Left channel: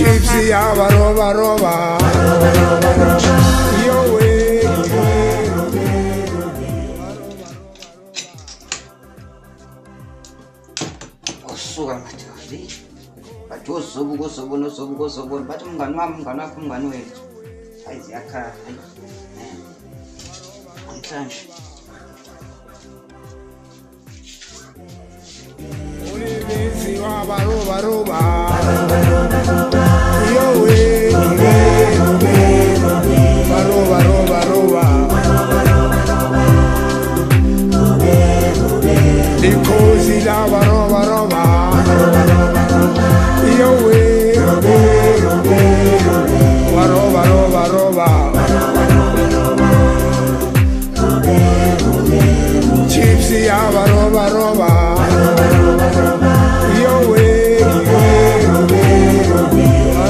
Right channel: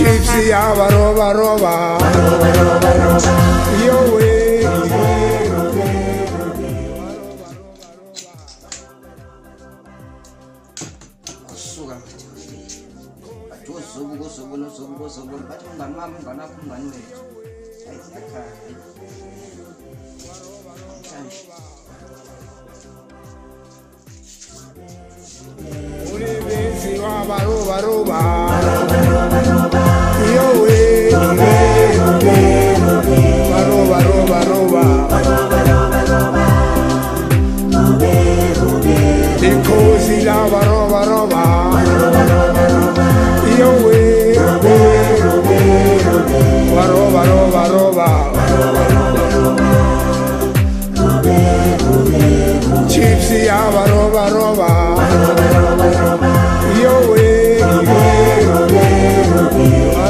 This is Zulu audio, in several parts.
Gypsy, roba, roba. Yo way, kusuka manje. Bathi usuku bathi umngani wami umngani wethu. Ayiziyakhala. Namhlanje. Gypsy, roba, roba. Yo way, roba, roba, roba. The cozy lava, roba, roba. Yo way, roba, roba, roba. Gypsy, roba, roba. Yo way,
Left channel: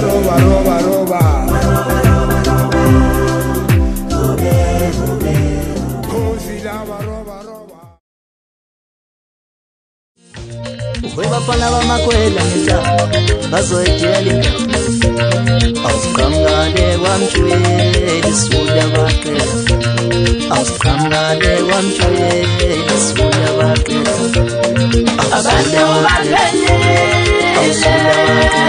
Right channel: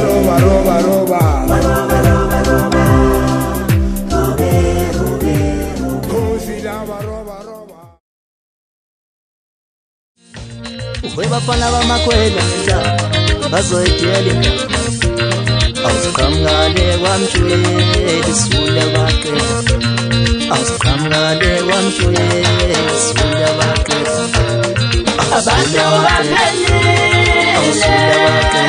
roba, roba, roba. Cozy lava, roba, roba. Bafana bamakhwela ngenhlamba bazoyidela ingane awusiqhamukale kwamtshweli sula baqeda awusiqhamukale kwamtshweli sula baqeda awusula baqeda awusula baqeda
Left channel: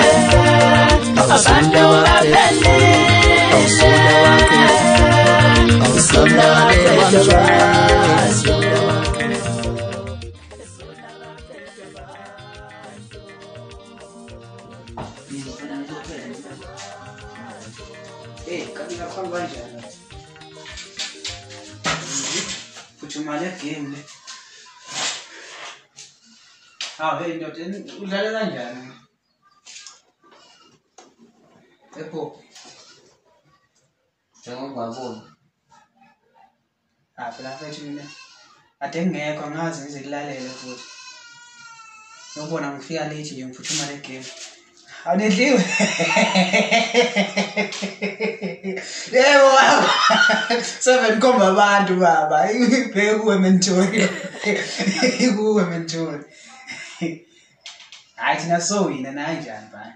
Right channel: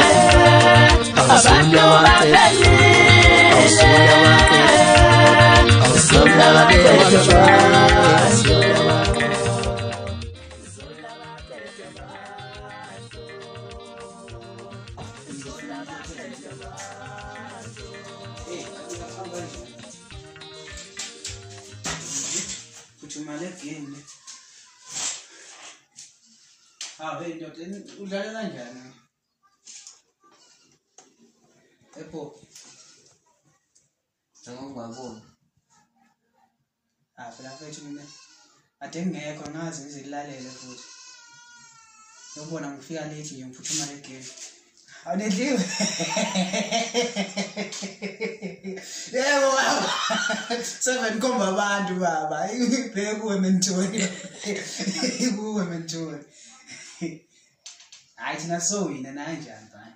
awusula baqeda awusula baqeda awusiqhamukale kwamtshweli sula baqeda. Mali game le. Hey ndoda udlala kanjani? Epho. Njengokungaboni. Phela mfethu mina ade ngekho ngazi ngizikulalele futhi. Ngiyobona ngifika late nje ngiphuthuma le game. Awunedliwe. Yebo baba. 7 komba abantu baba. Ibheke kuwe mentori. Kuwe mentori. Hayi thina sowina kanjani baba?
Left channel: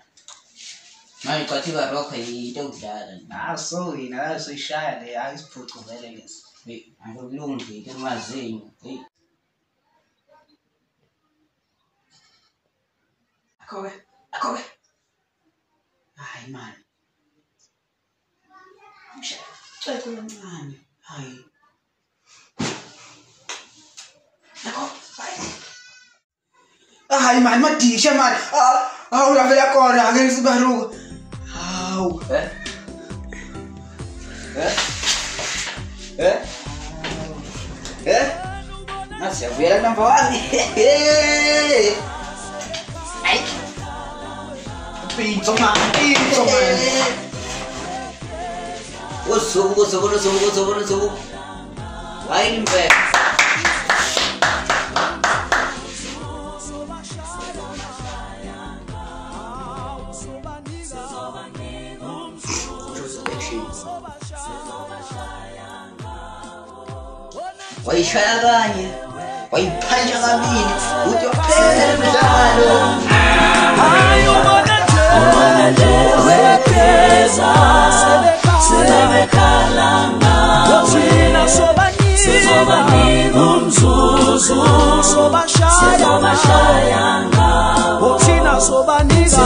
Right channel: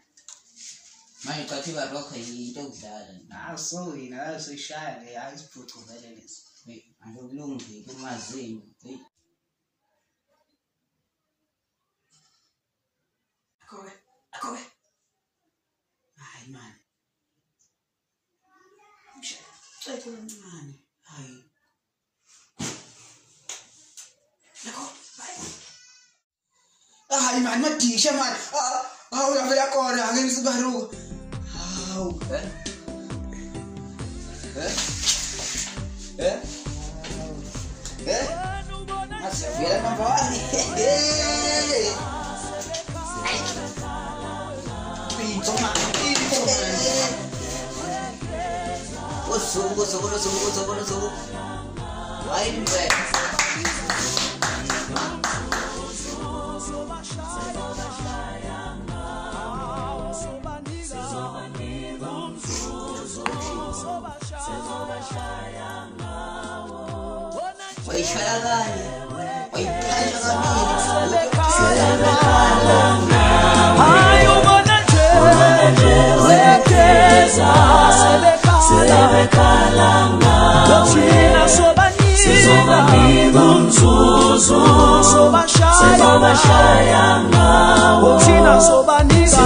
Manje kwathiwa rock into okudlala. Sowina la soyishaya le ayisiphucuzele lesi. Akulungile ke mazinyo. Akhowe. Hayi man. Cela mncane. Hayi. Hayi man madisha man. Awulavela khona ake ngisibaruka. Hawu. Nasiyavela kamfowami. Hayi. Pizzo man. Usuku. Hayi mbe. Wayishaya kanye, wayiphanya kabili, hayi ubona nje wekeza sebekhala thina sobanika umzuzu sobashaya thina sobanika